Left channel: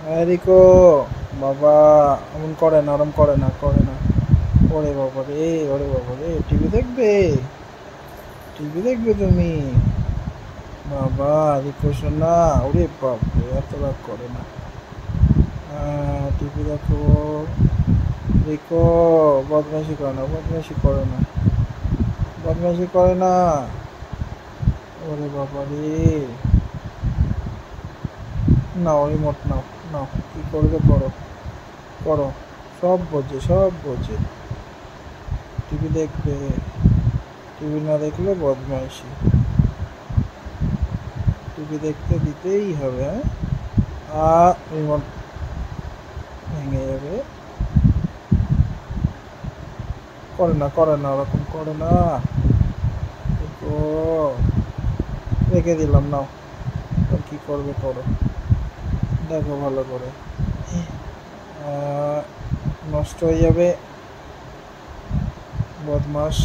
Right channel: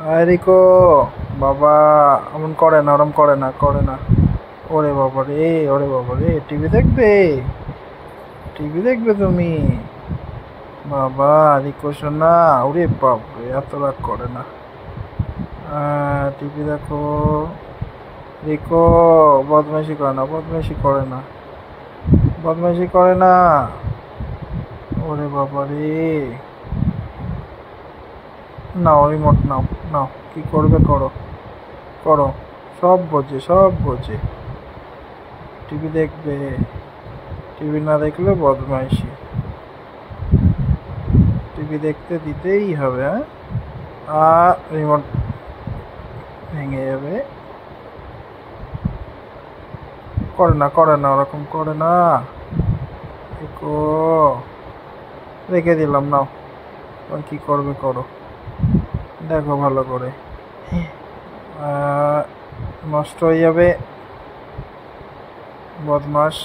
রিকো বাবা, এমন করে না, ওরম করে না, করে না। ওরে বাবা রে, ওরে বাবা রে, টিভি দেখবে, টিভি দেখবে তুমি? বাবা রিকো শোনা, ওরে বাপরে, এত রাগ করে না। টিভি দেখো। রিকো বদমাইশি করে না, বদমাইশি করে না, বদমাইশি করে না। ওরে বাবা রে, নাও রিমোট নাও, নাও কি করবে করো, করো। সব বোঝে, সব বোঝে। টিভি দেখবে, টিভি না দেখলে বদমাইশি। টিভি দেখতে দিতেই হবে। হ্যাঁ, রিমোট ভেঙে যাবে। করে না, করে না, ওরকম করে না। দেখো, রেখে দিলাম, নাও। কি করবে করো, দেখো ভালো করে। নষ্ট হয়ে যাবে, বদমাস।